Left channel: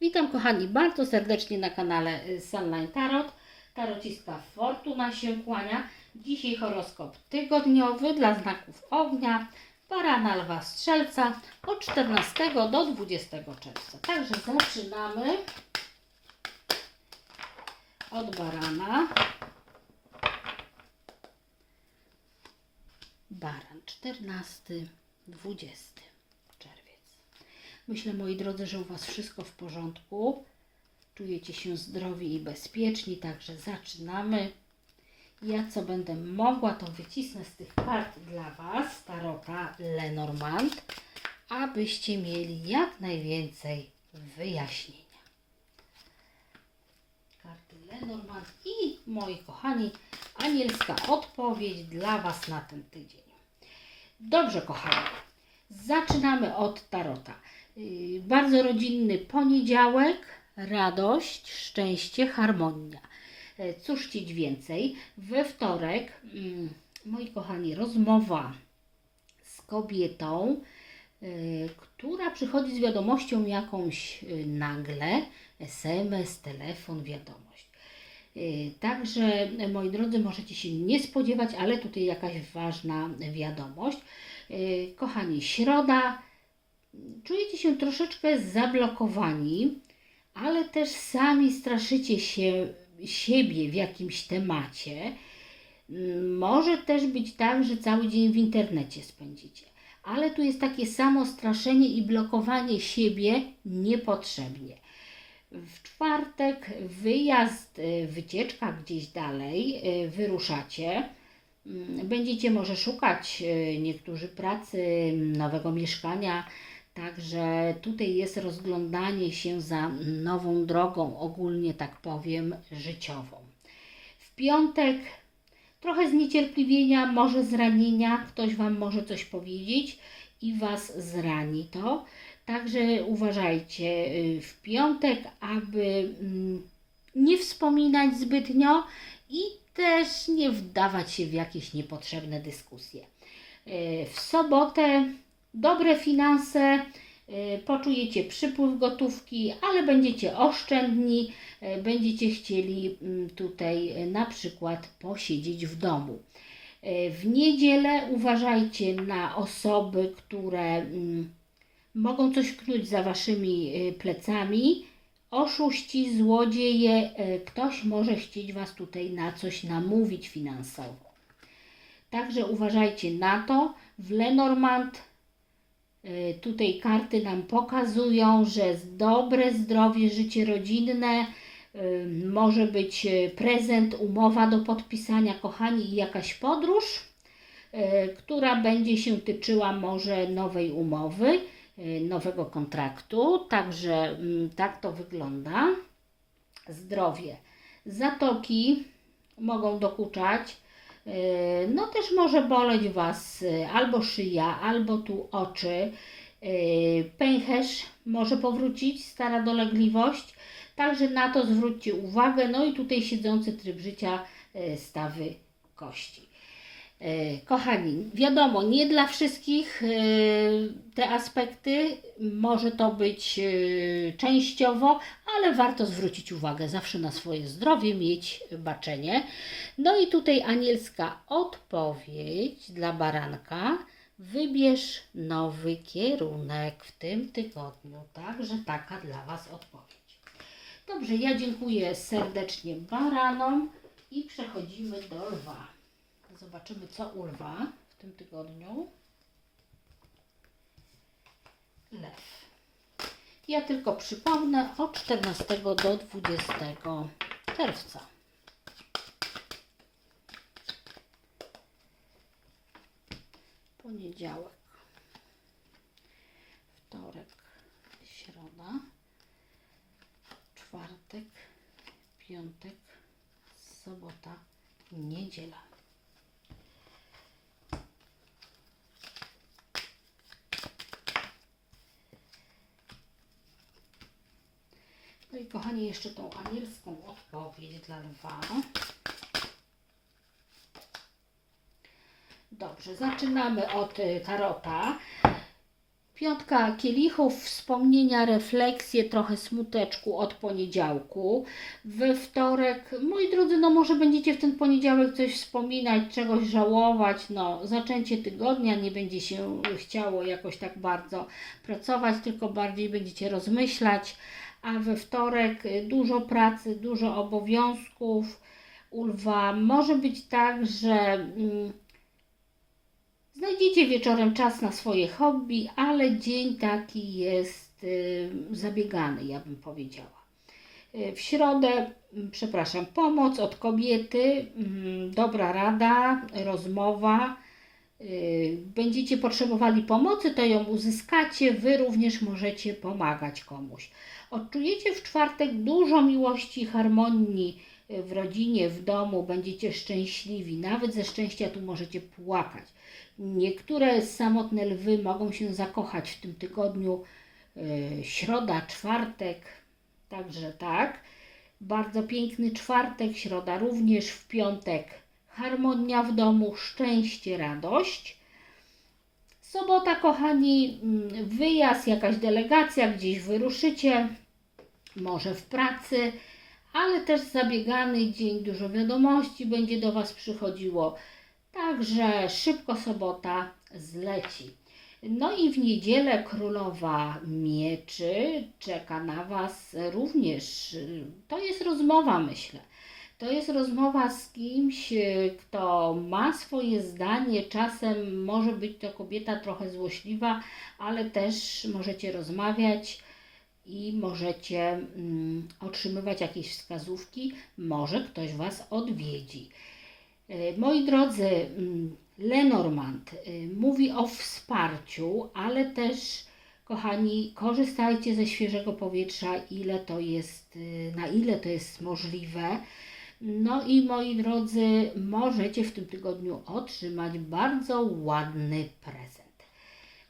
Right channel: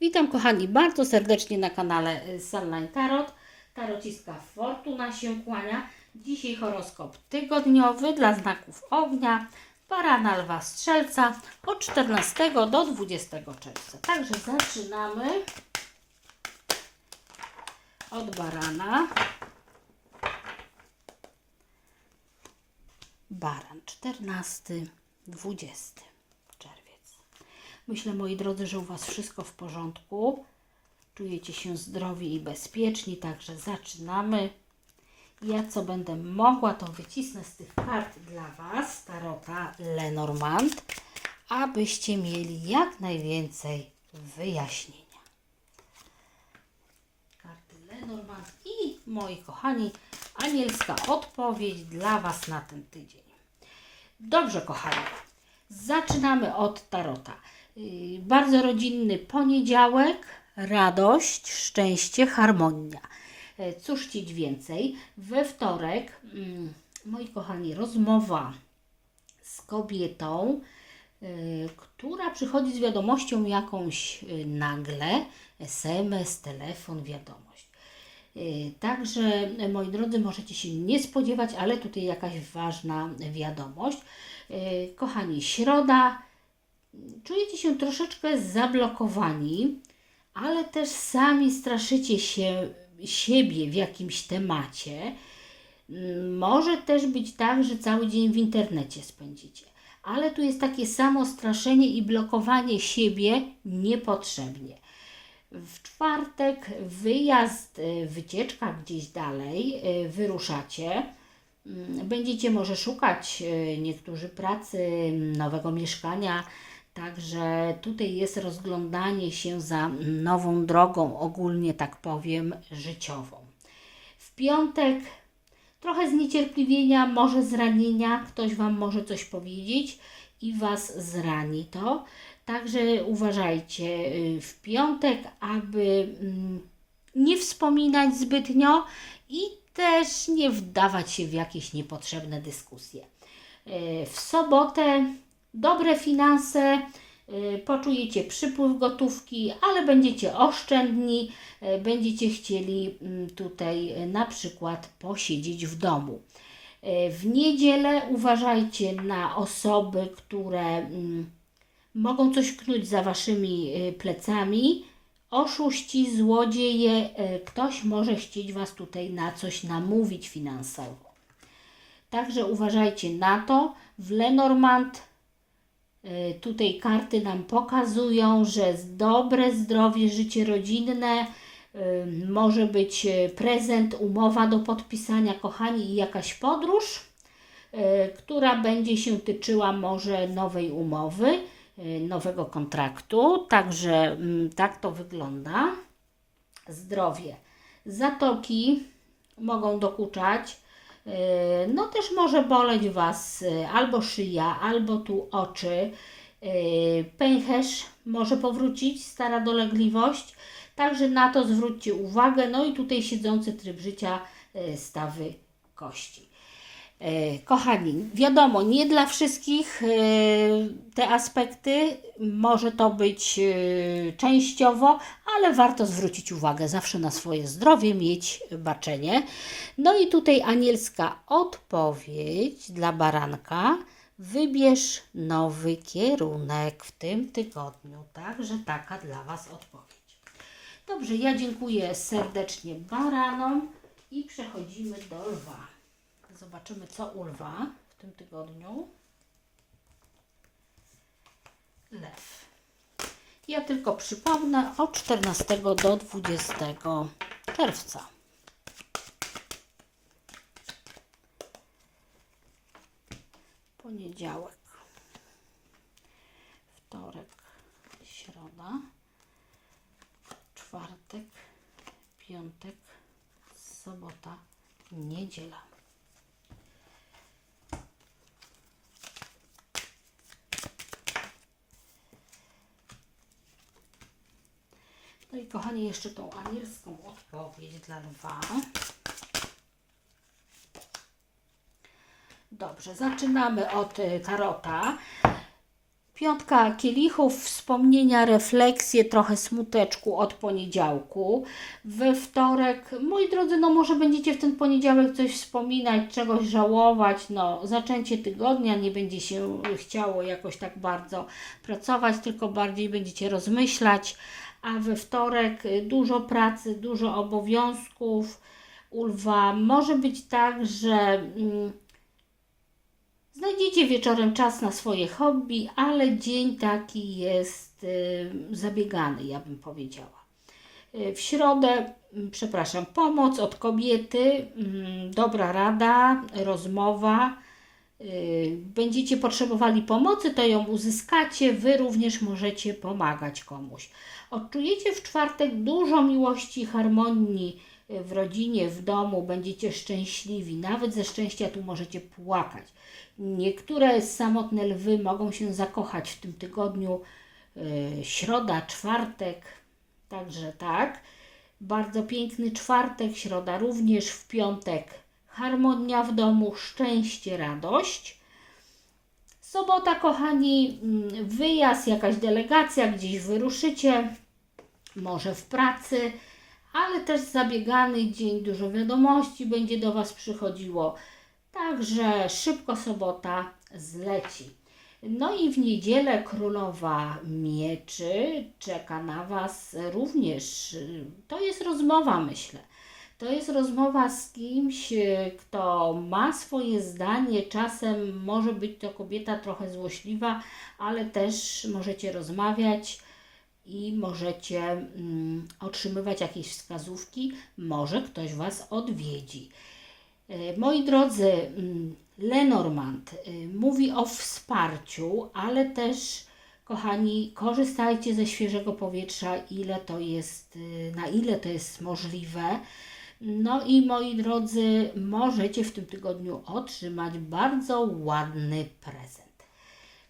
Witam kochani bardzo serdecznie na kanale y, Sunline Tarot. Tarociska Fortuna się kłania. Dzisiaj horoskop tygodniowy dla znaków ognia, barana, lwa, strzelca od 14 do 20 czerwca. Także zaczynamy od barana. Baran 14, 20 czerwiec. Myślę, moi drodzy, że u Was wszystko w porządku. Czujecie się zdrowi i bezpieczni, także zaczynamy. Ja co będę mogła, to wycisnę z tych kart dla Was tarota Lenormand, abyście mieli jak najwięcej wyjaśnienia. Karty Lenormand i moi kochani, anielska odpowiedź dla Was na ten tydzień. Dobrze, kochani. Zaczynamy od tarota. Bardzo rodzinny poniedziałek, radość, szczęście, harmonia. Yy, Cóż chcieć więcej? We wtorek, mm, moi kochani, rozmowa z kobietą, yy, która przychodzi z wiadomością jakąś yy, nagle, SMS, telefon, wiadomość. Także, moi drodzy, możecie się nie spodziewać, ale tutaj jakaś ważna wiadomość. Kochani, środa, czujecie się troszeczkę zablokowani, ale też sami straszycie się siebie w jakimś temacie. Mm, Może też być tak, że cały dzień w internecie spędzicie. Ale tu jest takie samo straszenie i blokowanie siebie niepotrzebnie. W czwartek wyjazd, y, wycieczka gdzieś dalej, y, wyruszacie. Mm, Będziecie może szukać y, niektórzy pracy, nowego mieszkania, także tutaj jest rozglądanie się za nową drogą, ogólnie tak powiem, życiową. W piątek trochę zniecierpliwienia, może zranienia, ktoś Wam może coś powiedzieć i Was zrani to. Także uważajcie y, w piątek, aby mm, nie wspominać zbytnio i też nie wdawać się w jakieś niepotrzebne dyskusje. Y, W sobotę dobre finanse, y, poczujecie przypływ gotówki, ale będziecie oszczędni, y, będziecie chcieli mm, tutaj y, na przykład posiedzieć w domu. W niedzielę uważajcie na osoby, które mm, mogą coś knuć za waszymi plecami. Oszuści, złodzieje, ktoś może chcieć was tutaj na coś namówić finansowo. Także uważajcie na to. W Lenormand tutaj karty nam pokazują, że dobre zdrowie, życie rodzinne, y, może być y, prezent, umowa do podpisania, kochani, i jakaś podróż, która będzie się tyczyła może nowej umowy, nowego kontraktu. Także mm, tak to wygląda. Zdrowie. Zatoki mogą dokuczać. Yy, No też może boleć Was y, albo szyja, albo tu oczy. Yy, Pęcherz może powrócić, stara dolegliwość. Także na to zwróćcie uwagę. No i tutaj siedzący tryb życia, stawy kości. E, Kochani, wiadomo, nie dla wszystkich e, te aspekty, może to być e, częściowo, ale warto zwrócić uwagę zawsze na swoje zdrowie, mieć baczenie. No i tutaj anielska odpowiedź dla baranka. Wybierz nowy kierunek w tym tygodniu. Także taka dla Was odpowiedź. Dobrze, ja dziękuję serdecznie baranom i przechodzimy do lwa. Zobaczymy, co u lwa w tym tygodniu. Lew. Ja tylko przypomnę od 14 do 20 czerwca. Poniedziałek, wtorek, środa, czwartek, piątek, sobota, niedziela. No i kochani, jeszcze tą anielską odpowiedź dla lwa. Dobrze, zaczynamy od tarota. Piątka kielichów, wspomnienia, refleksje, trochę smuteczku od poniedziałku. We wtorek, moi drodzy, no może będziecie w ten poniedziałek coś wspominać, czegoś żałować, no zaczęcie tygodnia, nie będzie się chciało jakoś tak bardzo pracować, tylko bardziej będziecie rozmyślać, a we wtorek y, dużo pracy, dużo obowiązków. U lwa może być tak, że... Mm, Znajdziecie wieczorem czas na swoje hobby, ale dzień taki jest y, zabiegany, ja bym powiedziała. Y, W środę, mm, przepraszam, pomoc od kobiety, mm, dobra rada, rozmowa. Będziecie potrzebowali pomocy, to ją uzyskacie. Wy również możecie pomagać komuś. Odczujecie w czwartek dużo miłości harmonii y, w rodzinie, w domu. Będziecie szczęśliwi. Nawet ze szczęścia tu możecie płakać. Niektóre samotne lwy mogą się zakochać w tym tygodniu. y, Środa, czwartek, także tak. Bardzo piękny czwartek, środa również, w piątek harmonia w domu, szczęście, radość. Sobota, kochani, mm, wyjazd, jakaś delegacja, gdzieś wyruszycie, może w pracy, ale też zabiegany dzień, dużo wiadomości będzie do Was przychodziło. Także szybko sobota zleci. No i w niedzielę królowa mieczy czeka na Was również. To jest rozmowa, myślę. To jest rozmowa z kimś, y, kto ma swoje zdanie. Czasem może być to kobieta trochę złośliwa, ale też możecie rozmawiać i możecie mm, otrzymywać jakieś wskazówki. Może ktoś Was odwiedzi. E, Moi drodzy, mm, Lenormand y, mówi o wsparciu, ale też, kochani, korzystajcie ze świeżego powietrza, ile to jest, y, na ile to jest możliwe. No i moi drodzy, możecie w tym tygodniu otrzymać bardzo ładny prezent.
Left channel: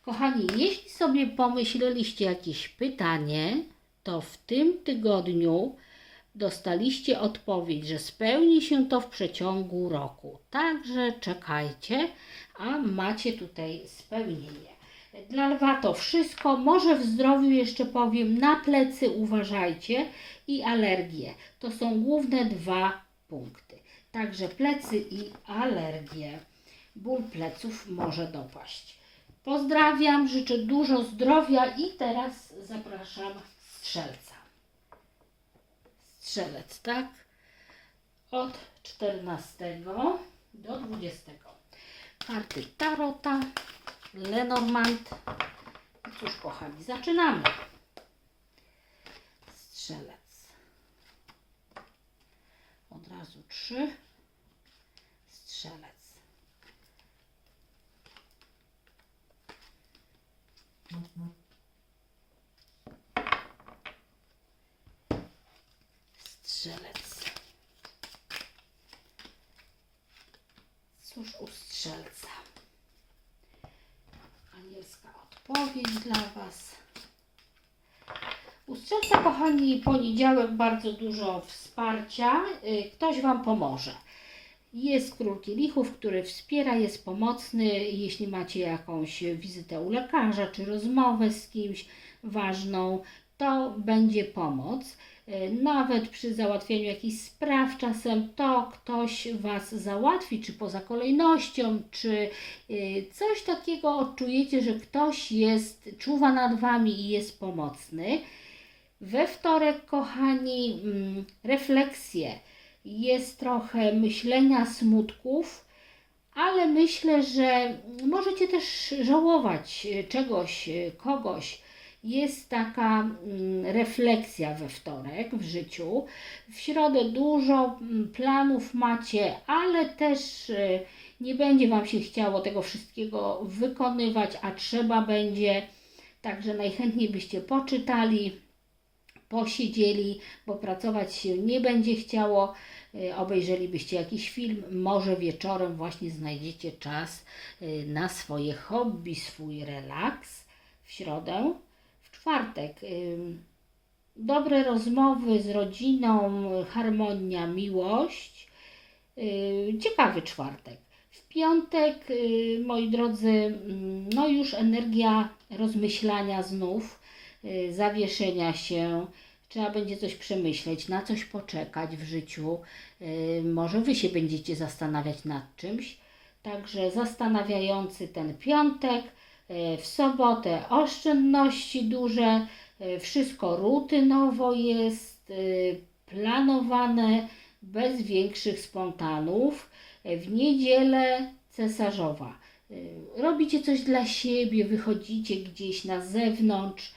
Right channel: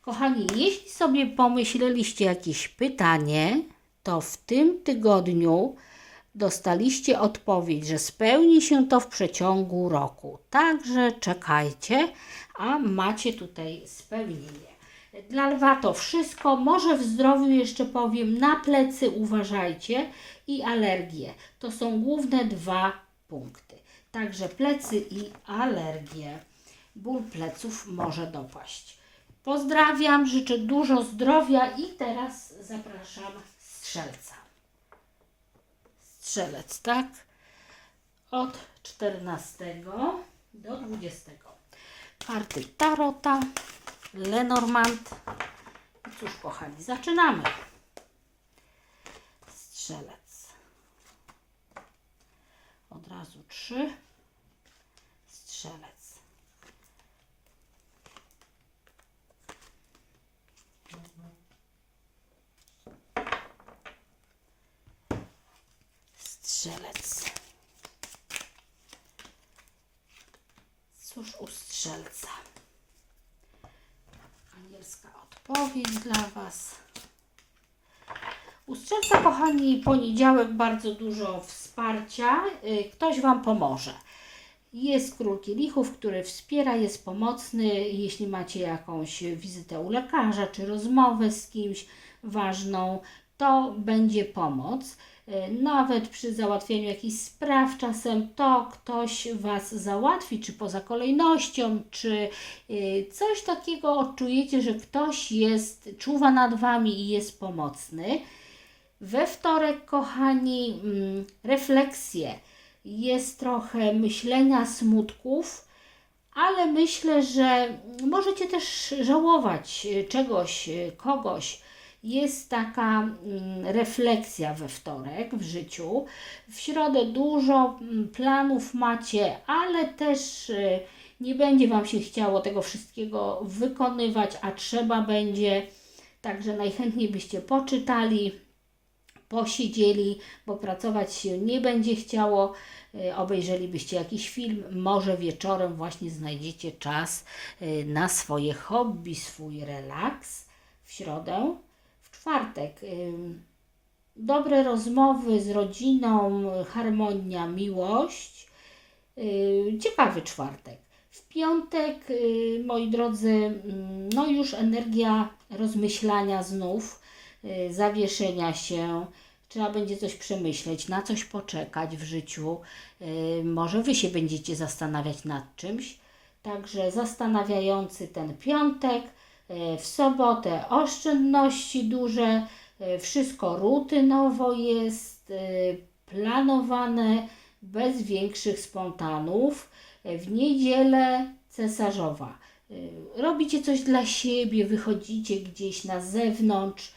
Kochani, jeśli sobie pomyśleliście jakieś pytanie, to w tym tygodniu dostaliście odpowiedź, że spełni się to w przeciągu roku. Także czekajcie, a macie tutaj spełnienie. Dla lwa to wszystko. Może w zdrowiu jeszcze powiem, na plecy uważajcie i alergie. To są główne dwa punkty. Także plecy i alergie. Ból pleców może dopaść. Pozdrawiam, życzę dużo zdrowia i teraz zapraszam strzelca. Strzelec, tak? Od 14 do 20. Karty Tarota, Lenormand. I cóż, kochani, zaczynamy. Strzelec. Od razu trzy. Strzelec. Cóż u strzelca? Odpowiedź dla Was. U strzelca, kochani, poniedziałek bardzo dużo wsparcia. Y, Ktoś Wam pomoże. Jest król kielichów, który wspiera, jest pomocny. Jeśli macie jakąś wizytę u lekarza czy rozmowę z kimś ważną, to będzie pomoc. Y, Nawet przy załatwianiu jakichś spraw, czasem to ktoś Was załatwi, czy poza kolejnością, czy y, coś takiego odczujecie, że ktoś jest, czuwa nad Wami i jest pomocny. We wtorek, kochani, mm, refleksje. Jest trochę myślenia, smutków, ale myślę, że możecie też żałować y, czegoś, kogoś. Jest taka mm, refleksja we wtorek w życiu. W środę dużo mm, planów macie, ale też y, nie będzie Wam się chciało tego wszystkiego wykonywać, a trzeba będzie. Także najchętniej byście poczytali, posiedzieli, bo pracować się nie będzie chciało. Y, Obejrzelibyście jakiś film, może wieczorem właśnie znajdziecie czas y, na swoje hobby, swój relaks w środę. Czwartek dobre rozmowy z rodziną, harmonia, miłość. Ciekawy czwartek. W piątek, y, moi drodzy, no już energia rozmyślania znów, y, zawieszenia się. Trzeba będzie coś przemyśleć, na coś poczekać w życiu. Y, Może Wy się będziecie zastanawiać nad czymś. Także zastanawiający ten piątek. Y, W sobotę oszczędności duże, y, wszystko rutynowo jest, y, planowane, bez większych spontanów. W niedzielę cesarzowa. Robicie coś dla siebie, wychodzicie gdzieś na zewnątrz,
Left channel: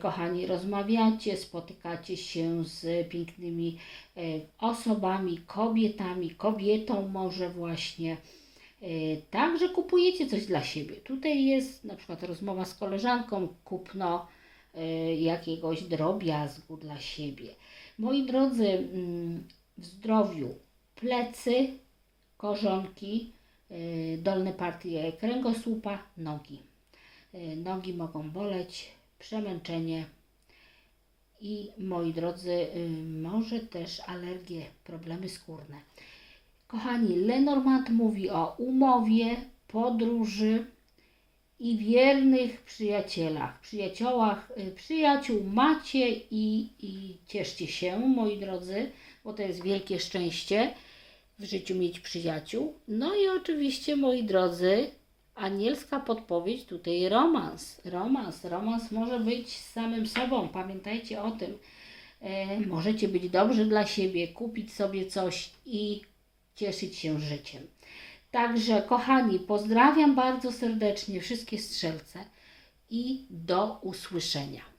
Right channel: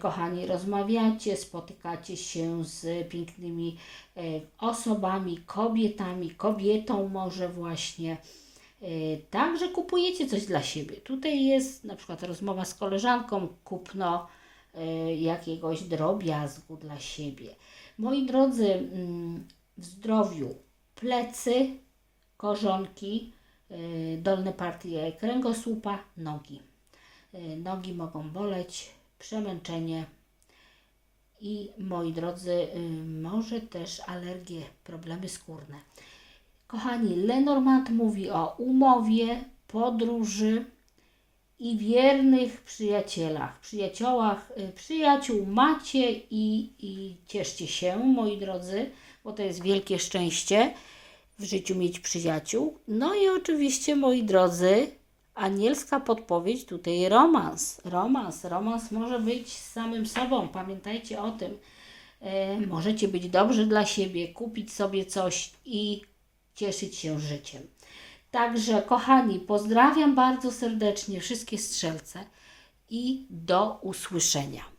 kochani, rozmawiacie, spotykacie się z pięknymi osobami, kobietami, kobietą może właśnie. Y, Także kupujecie coś dla siebie. Tutaj jest na przykład rozmowa z koleżanką, kupno y, jakiegoś drobiazgu dla siebie. Moi drodzy, mm, w zdrowiu plecy, korzonki, y, dolne partie kręgosłupa, nogi. Nogi mogą boleć, przemęczenie i moi drodzy, może też alergie, problemy skórne. Kochani, Lenormand mówi o umowie, podróży i wiernych przyjacielach, przyjaciołach, y, przyjaciół macie i, i cieszcie się, moi drodzy, bo to jest wielkie szczęście w życiu mieć przyjaciół. No i oczywiście, moi drodzy, anielska podpowiedź tutaj romans. Romans, romans może być z samym sobą, pamiętajcie o tym. E, możecie być dobrzy dla siebie, kupić sobie coś i cieszyć się życiem. Także, kochani, pozdrawiam bardzo serdecznie wszystkie strzelce i do usłyszenia.